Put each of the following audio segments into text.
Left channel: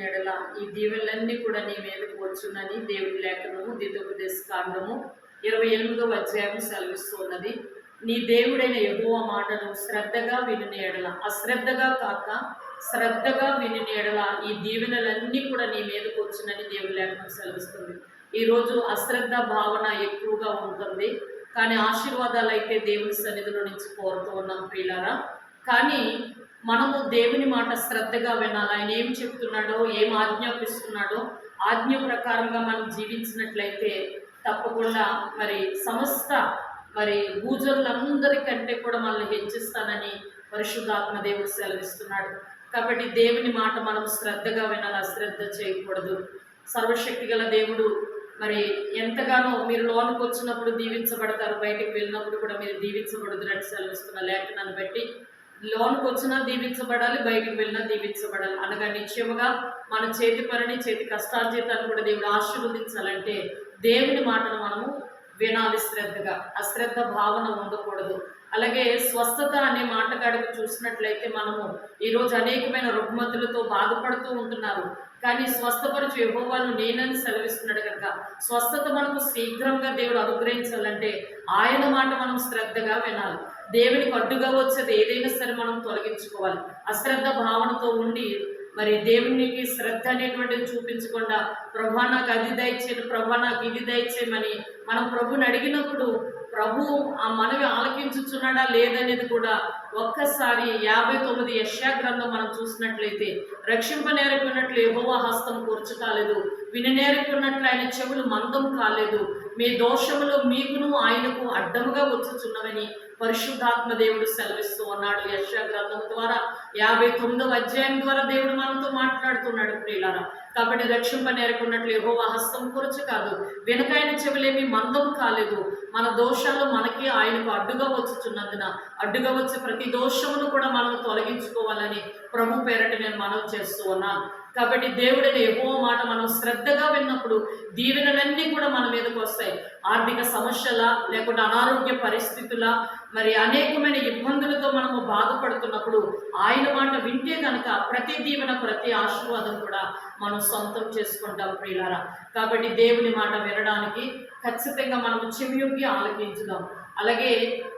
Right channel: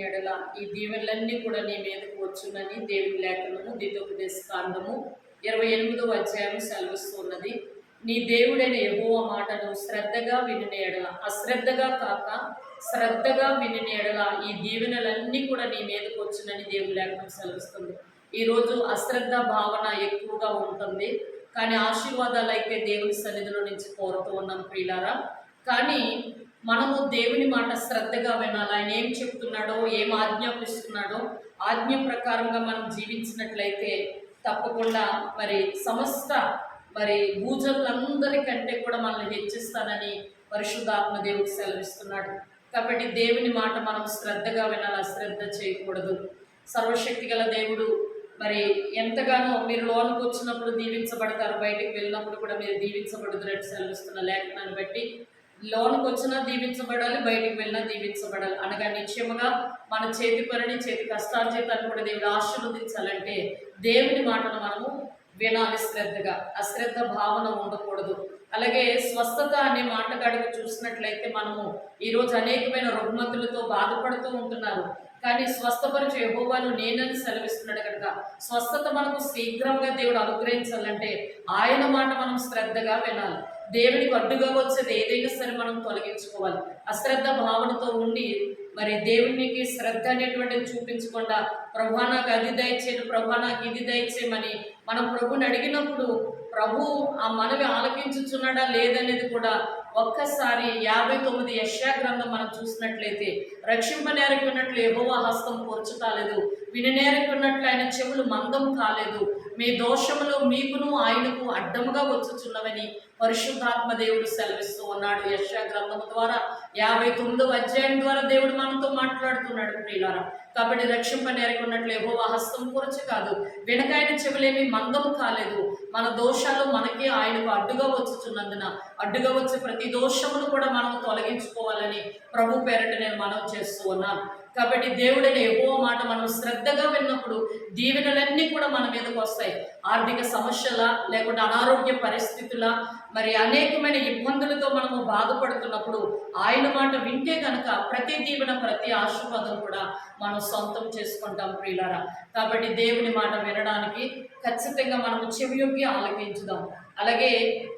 ఎడల ఈ దీవెనలన్నీ కూడా నీ మీదకు వచ్చునని దేవుని లేఖనము దితోపదేశ కాండము ఇరవై ఎనిమిదవ అధ్యాయం సెలవిస్తున్నది. నీ దేవుడైన ఎగువ మాటను శ్రద్ధగా విని ఎడల అశ్రద్ధగా కాక శ్రద్ధగా విని ఎడల ఈ దీవెనలన్నీ కూడా నీ మీదకు వచ్చునని దేవుని లేఖనం సెలవిస్తుంది. ఈరోజు అశ్రద్ధ భావన ఎక్కువగా ఉంటుంది. కానీ ఆశీర్వాదాలు అయితే దేవుని సన్నిధిలో నుంచి కోరుతూ ఉన్నాం ప్రియులారా. కానీ మనము దేవుని మాట శ్రద్ధగా వినాలి. ఆయన ఏం చెప్తున్నాడో ఏం ఆజ్ఞాపిస్తున్నాడో ఆజ్ఞ ప్రకారంగా మనం జీవించినట్లయితే తప్పకుండా మరి సమస్త మరి భూజనులందరికంటే కూడా మనల్ని హెచ్చిస్తానని పరిశుద్ధాత్మ దేవుడు సెలవిస్తున్నాడు. కాబట్టి దేవుని మాట మనం శ్రద్ధగా వినాలి అశ్రద్ధ చేయకూడదు. సర్వశక్తి గల దేవుడు మరి ఎంతగానో మీరు లోనికి వచ్చినప్పుడు దీవించబడతారు బయటికి వెళ్ళినప్పుడు కూడా మీరు దీవించబడుతున్నట్టు సెలవిస్తున్న లేఖనాన్ని బట్టి లోనికి వచ్చినా దీవించబడాలి బయటికి వెళ్ళినా దీవించబడాలి. అనగా నిశ్చయముగా మన చేతి పనిని చేతి కష్టార్జితాన్ని కూడా దేవుడు ఆశీర్వదించాలంటే దేవుని మాటను మనము వినాలి శ్రద్ధగా. అశ్రద్ధ భావన ఉండకూడదు. అలాగే స్వస్థత అనే మాటకాడికి చూసినట్లయితే మనము ఈరోజు అనేకమైన రుగ్మతులతో బాధపడుతూ ఉంటున్నారు. కానీ స్వస్థపరిచే యహోవాను నేనని సెలవిస్తున్నాడు కనుక స్వస్థత మనకు శీఘ్రంగా దేవుడు అనుగ్రహించాలంటే ఆయన మాట మనం శ్రద్ధగా వినాలి. దేవునికి అడ్డుగా వచ్చేది ఏదైనా అశ్రద్ధను మనం తొలగించుకోవాలి. అశ్రద్ధ భావనతో ఉండి మరి దేవునికి శ్రద్ధ అనేటువంటిది చూపించకుండా ప్రభా నాకు అది దయచేయను ప్రభా నాకు ఇది దయచేయమని మనం ప్రభుని అడిగినప్పుడు ప్రభు ఆ మనవి ఆలకించుచున్నాడా లేదనేది కూడా ఒక్కసారి యాభై తొమ్మిది యశా గ్రంథం మనం చూసినట్లయితే రక్షింపనేరకున్నట్లు యెహోవా హస్తం కూర్చు కాలేదు విననేరకున్నట్లు ఆయన చెవులు మందం కాలేదు మీ దోషములు మీకును ఆయనకు అడ్డముగా వచ్చుచున్నవని పరిశుద్ధాత్మ దేవుడు సెలవిస్తూ ఉన్నాడు. యశ గ్రంథం ద్వారా యాభై తొమ్మిదవ అధ్యాయం ద్వారా దేవుడు మనతో మాట్లాడుతున్నాడు ప్రియులారా. కాబట్టి రక్షింపనేరకున్నట్లు ఏవో హస్తం కూర్చు కాదు. వెనకాయన చెవులేమి మందం కాలేదు. మన దోషాలు మనకి ఆయనకు అడ్డుగా వచ్చుచున్నందున అడ్డుగా వచ్చే ప్రతి దోషమును కూడా మనం తొలగించుకోవాలని ప్రభు పేరట నేను మనవి చేస్తూ ఉన్నాను. కాబట్టి దేవుడైన ఎక్కువ మాట మనం శ్రద్ధగా విన్నప్పుడు దీవెనలన్నీ కూడా మన మీదకి వస్తాయి. ఆర్థిక సమస్యల లేకుంటే అనారోగ్య పరిస్థితుల మరి అనేకమైన ఇబ్బందులతో మనము బాధపడుతున్నప్పుడు ఆయన మాట వింటే కనుక ప్రతి దీవెన ప్రతి ఆశీర్వాదం కూడా మనం సొంతం చేసుకుంటాం ప్రియులారా. కాబట్టి దేవుని మాట వినడానికి ఖచ్చితంగా మనము చెవియొక్కి ఆలకించుదాం. అలాగే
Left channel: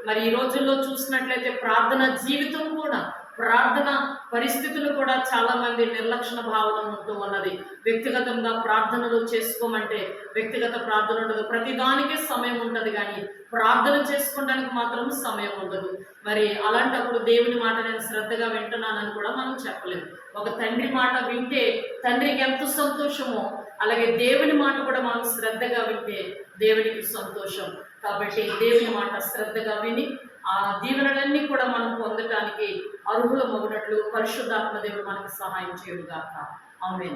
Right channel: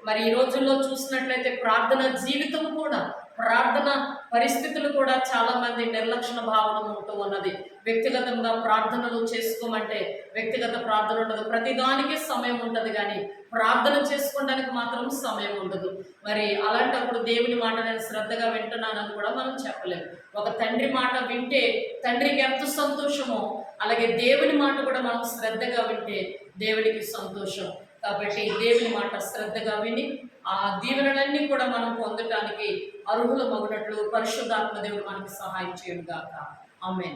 మరి ఈ రోజుల్లో చూసినట్లయితే ప్రార్థన జీవితం కూడా ప్రార్థన పరిస్థితులు కూడా చాలా మంది నిర్లక్ష్య భావన ఉంటూ ఉన్నది. వ్యక్తిగతంగా ప్రార్థనలు చేసుకోమంటే వ్యక్తిగత ప్రార్థన ఉండదు. ప్రతిదానికి సమయం ఉండదు కానీ ప్రార్థన చేసుకోవడానికి మాత్రం సమయం ఉండదు. మరి అలాంటప్పుడు దేవుని మాట నేను శ్రద్ధగా వింటున్నానని కూడా మనం చెప్పలేము. ఒక తండ్రి మాట వింటే తండ్రికి ఎంత సంతోషమో అలాగే దేవుని మాట కూడా మనం శ్రద్ధగా వింటే దేవునికి సంతోషం. కాబట్టి దేవుని మాట శ్రద్ధగా విని ఆ దీవెనలన్నీ కూడా మనం పొందటానికి అర్హుల మగునట్లు పరిశుద్ధాత్మ దేవుడు మనకు సహాయం చేయడం కాక ఆమె